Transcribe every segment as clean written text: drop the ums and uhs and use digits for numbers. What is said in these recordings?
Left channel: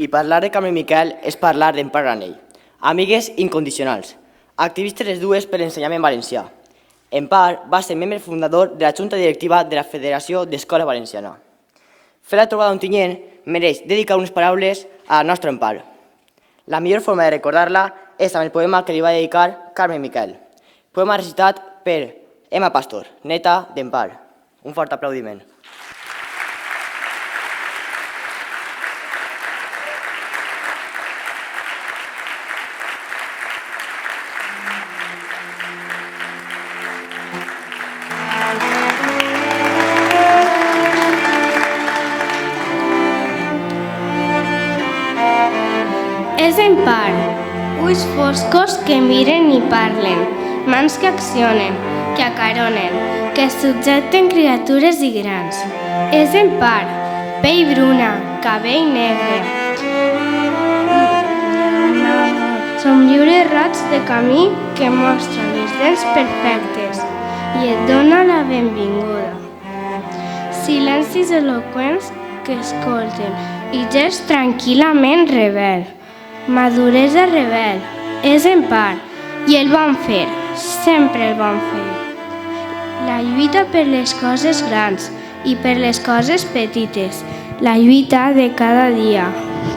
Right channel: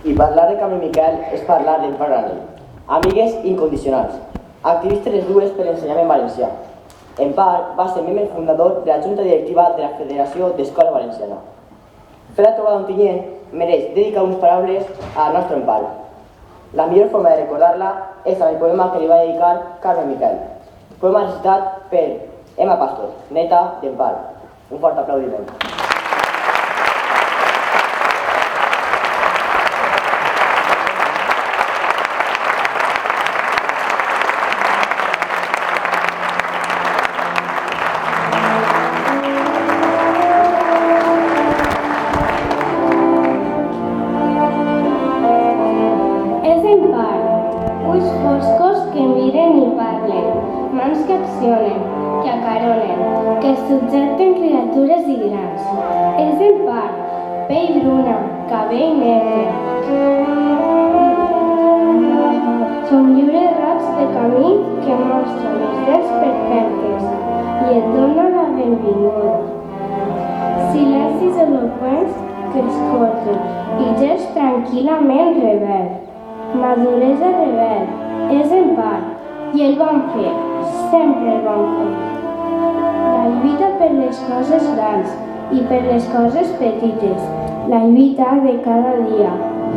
I parlar de Carme Miquel és parlar d'Empar Granell. Amigues incondicionals, activistes les dues per l'ensenyament valencià. Empar va ser membre fundador de la Junta Directiva de la Federació d'Escola Valenciana. Fer la trobada d'Ontinyent mereix dedicar unes paraules a la nostra Empar. La millor forma de recordar-la és amb el poema que li va dedicar Carme Miquel. Poema recitat per Emma Pastor, neta d'Empar. Un fort aplaudiment. És Empar, ulls foscos que miren i parlen, mans que accionen, que acaronen, que subjecten criatures i grans. És Empar, pell bruna, cabell negre. Somriure raig de camí que mostra les dents perfectes i et dona la benvinguda. Silencis eloqüents que escolten i gest tranquil·lament rebel. Maduresa rebel, és Empar, i el vam fer, sempre el vam fer. La lluita per les coses grans i per les coses petites, la lluita de cada dia,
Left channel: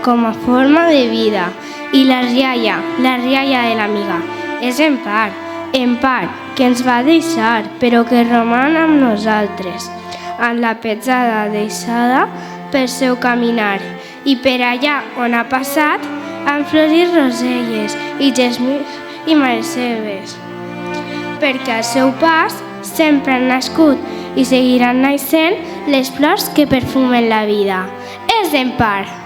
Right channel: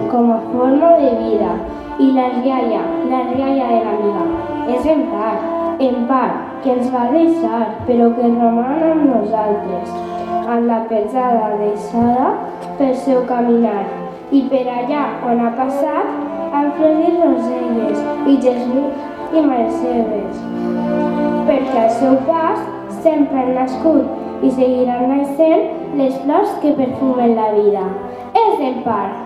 com a forma de vida, i la rialla de l'amiga, és Empar, Empar, que ens va deixar, però que roman amb nosaltres, amb la petjada deixada pel seu caminar, i per allà on ha passat, han florit roselles i gesmís i malceves, perquè al seu pas sempre han nascut i seguiran naixent les flors que perfumen la vida. És Empar!